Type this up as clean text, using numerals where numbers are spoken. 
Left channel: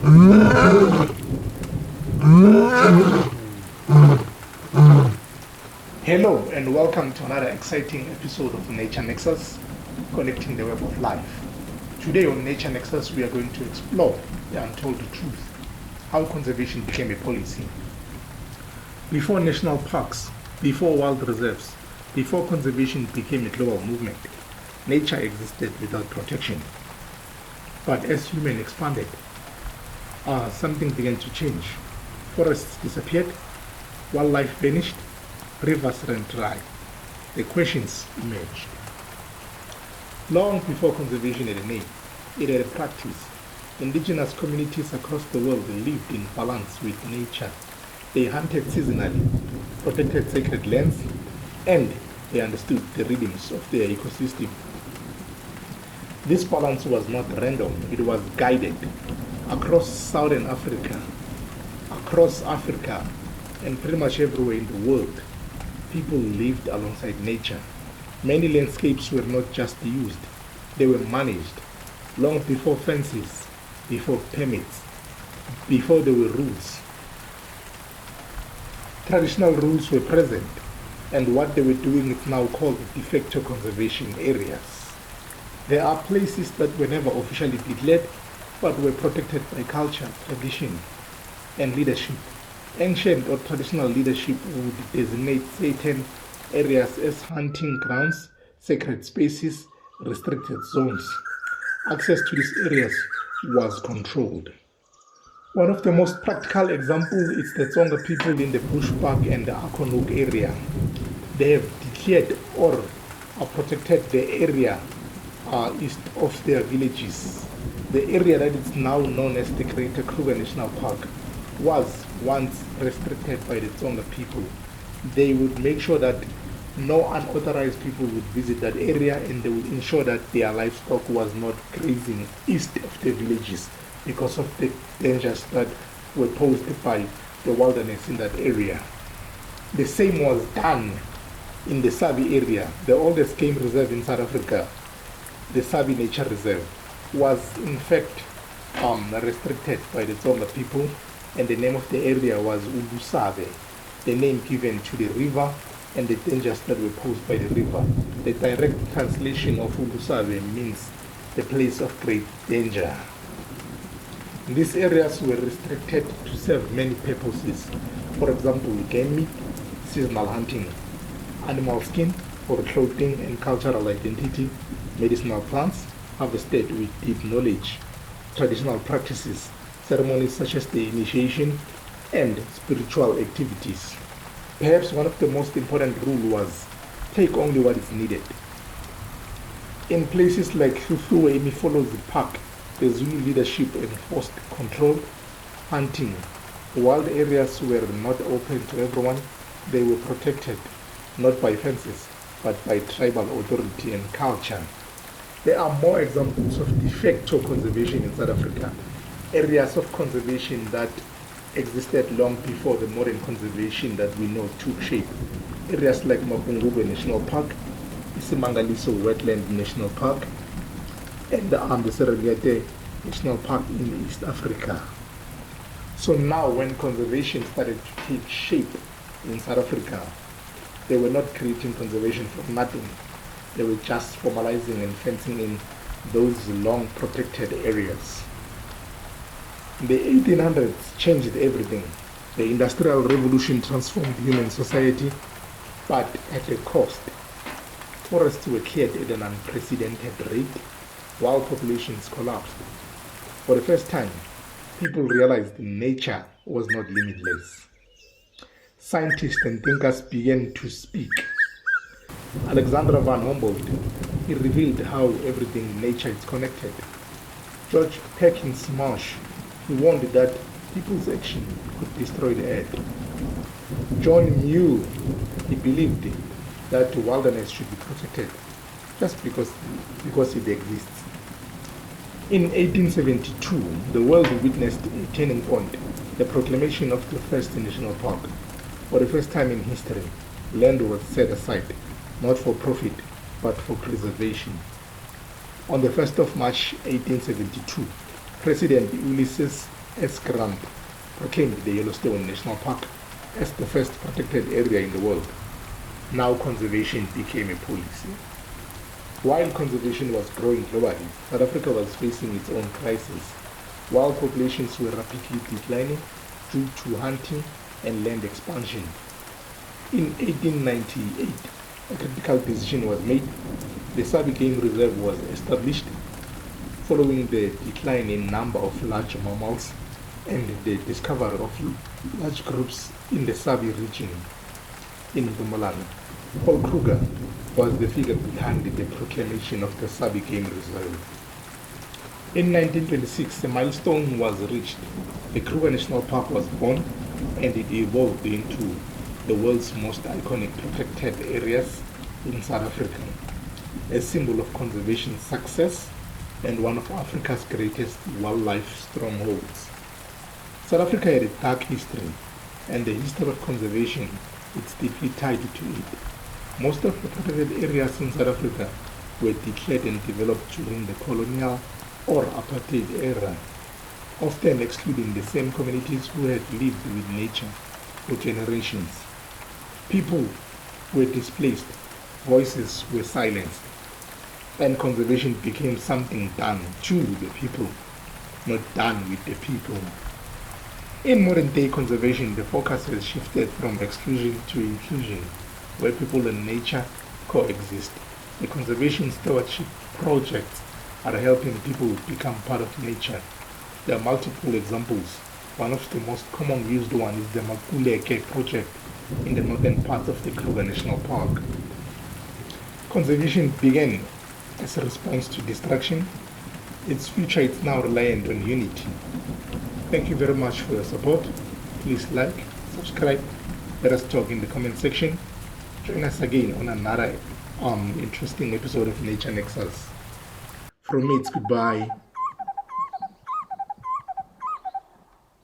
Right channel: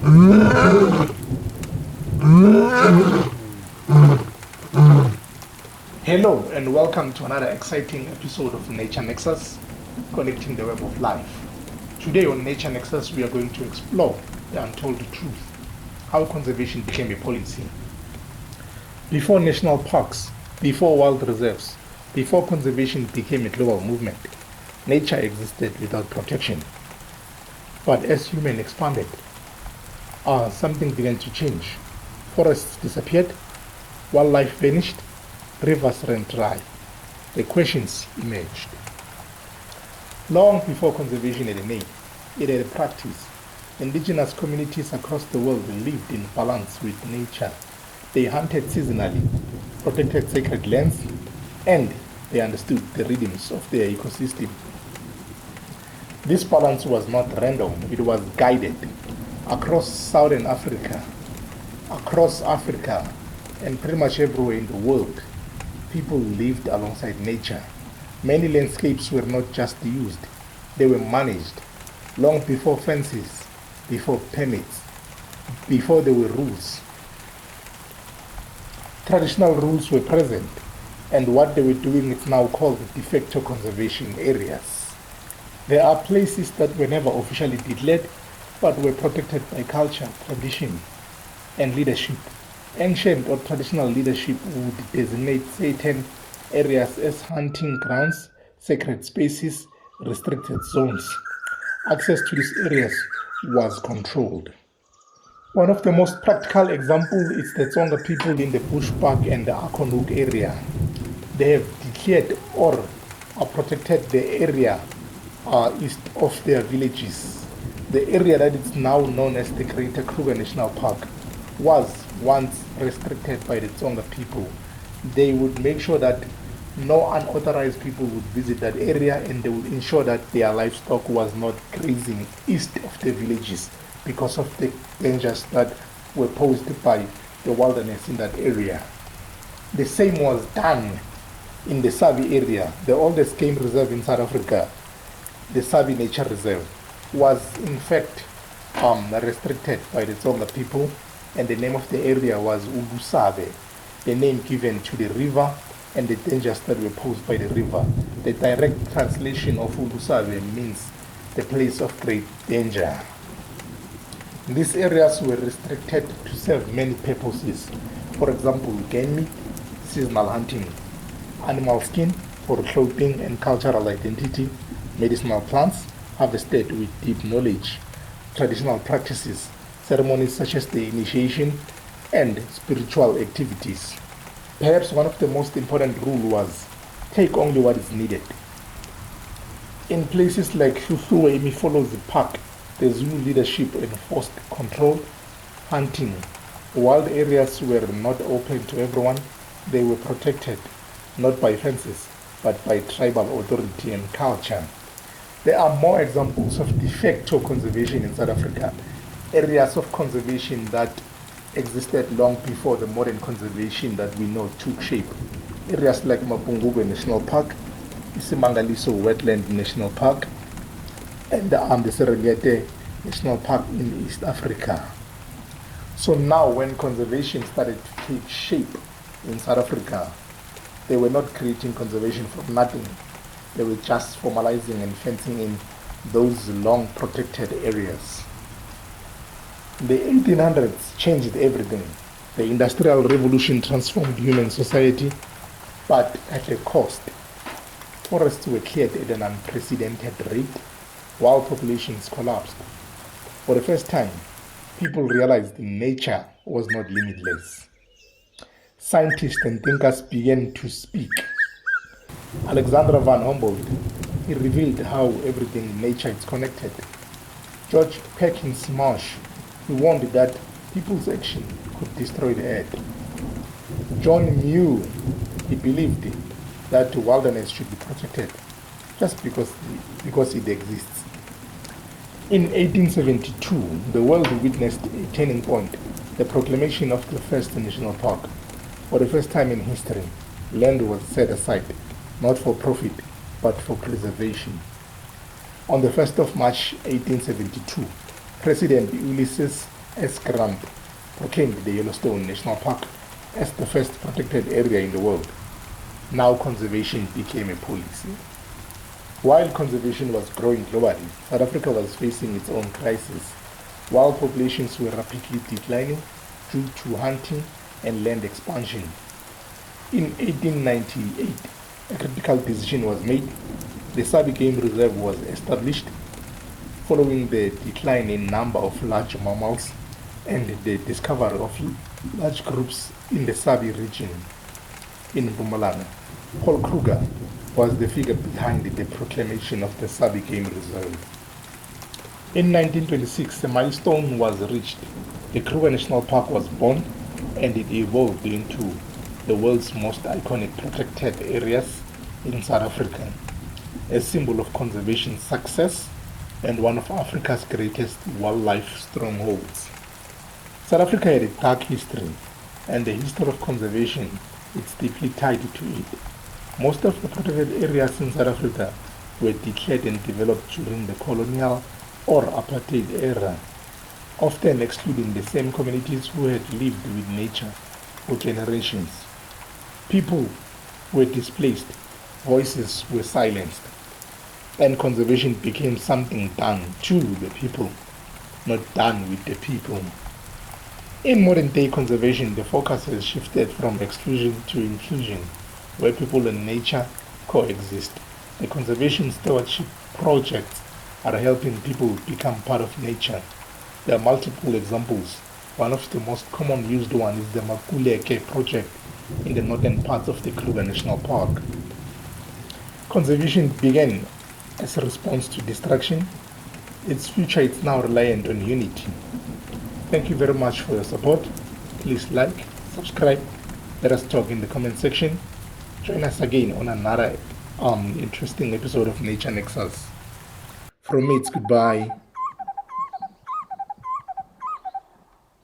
Hello and welcome to another exciting episode of Nature Nexus, connecting the web of life. Today on Nature Nexus, we are going to explore the untold truth, how conservation became a policy. Before national parks, before wild reserves, before conservation became a global movement, nature existed without protection. But as humans expanded, something began to change. Forests disappeared, wildlife vanished, rivers ran dry. The questions emerged. Long before conservation had a name, it had a practice. Indigenous communities across the world lived in balance with nature. They hunted seasonally, protected sacred lands, and they understood the rhythms of their ecosystem. This balance was not random, it was guided. Across Southern Africa, and pretty much everywhere in the world, people lived alongside nature. Many landscapes were not just used, they were managed. Long before fences, before permits, before there were rules. Traditional rules were present, and what they were doing is now called de facto conservation areas. There are places that were never officially declared, but were protected by culture, tradition, and leadership. Ancient or traditional leadership would designate certain areas as hunting grounds, sacred spaces, restricted zones. Access to these areas was controlled. One of the most practical examples is the Tsonga people in the Bushbuck and the Akonuk area. They have declared or protected the area east of their villages. The area that is now known as the Greater Kruger National Park was once restricted by the Tsonga people. They would make sure that no unauthorized people would visit that area, and they would ensure that their livestock was not grazing east of the villages because of the dangers that were posed by the wilderness in that area. The same was done in the Sabi area, the oldest game reserve in South Africa. The Sabi Nature Reserve was in fact restricted by the Tsonga people, and the name of the area was Ulusabe, the name given to the river and the dangers that were posed by the river. The direct translation of Ulusabe means the place of great danger. These areas were restricted to serve many purposes. For example, game meat, seasonal hunting, animal skin for clothing and cultural identity, medicinal plants harvested with deep knowledge, traditional practices, ceremonies such as the initiation, and spiritual activities. Perhaps one of the most important rules was take only what is needed. In places like Shushu Emifolozi Park, the Zulu leadership enforced control. Hunting, wild areas were not open to everyone. They were protected not by fences, but by tribal authority and culture. There are more examples of de facto conservation in South Africa, areas of conservation that existed long before the modern conservation that we know took shape. Areas like Mapungubwe National Park, Isimangaliso Wetland National Park, and the Serengeti National Park in East Africa. So now when conservation started to take shape in South Africa, they were not creating conservation from nothing. They were just formalizing and fencing in those long protected areas. The 1800s changed everything. The Industrial Revolution transformed human society, but at a cost. Forests were cleared at an unprecedented rate, while populations collapsed. For the first time, people realized nature was not limitless. Scientists and thinkers began to speak. Alexander van Humboldt, he revealed how everything in nature is connected. George Perkins Marsh, he warned that people's action could destroy the earth. John Muir, he believed that the wilderness should be protected just because it exists. In 1872, the world witnessed a turning point, the proclamation of the first national park. For the first time in history, land was set aside, not for profit, but for preservation. On the 1st of March 1872, President Ulysses S. Grant proclaimed the Yellowstone National Park as the first protected area in the world. Now conservation became a policy. While conservation was growing globally, South Africa was facing its own crisis. Wild populations were rapidly declining due to hunting and land expansion. In 1898, a critical decision was made. The Sabi Game Reserve was established following the decline in number of large mammals and the discovery of large groups in the Sabi region in Mpumalanga. Paul Kruger was the figure behind the proclamation of the Sabi Game Reserve. In 1926, a milestone was reached. The Kruger National Park was born, and it evolved into the world's most iconic protected areas in South Africa, a symbol of conservation success and one of Africa's greatest wildlife strongholds. South Africa had a dark history, and the history of conservation is deeply tied to it. Most of the protected areas in South Africa were declared and developed during the colonial or apartheid era, often excluding the same communities who had lived with nature for generations. People were displaced, voices were silenced, and conservation became something done to the people, not done with the people. In modern day conservation, the focus has shifted from exclusion to inclusion, where people and nature coexist. The conservation stewardship projects are helping people become part of nature. There are multiple examples. One of the most common used one is the Makuleke project in the northern part of the Kruger National Park. Conservation began as a response to destruction. Its future is now reliant on unity. Thank you very much for your support. Please like, subscribe, let us talk in the comment section. Join us again on another interesting episode of Nature Nexus. From me, it's goodbye.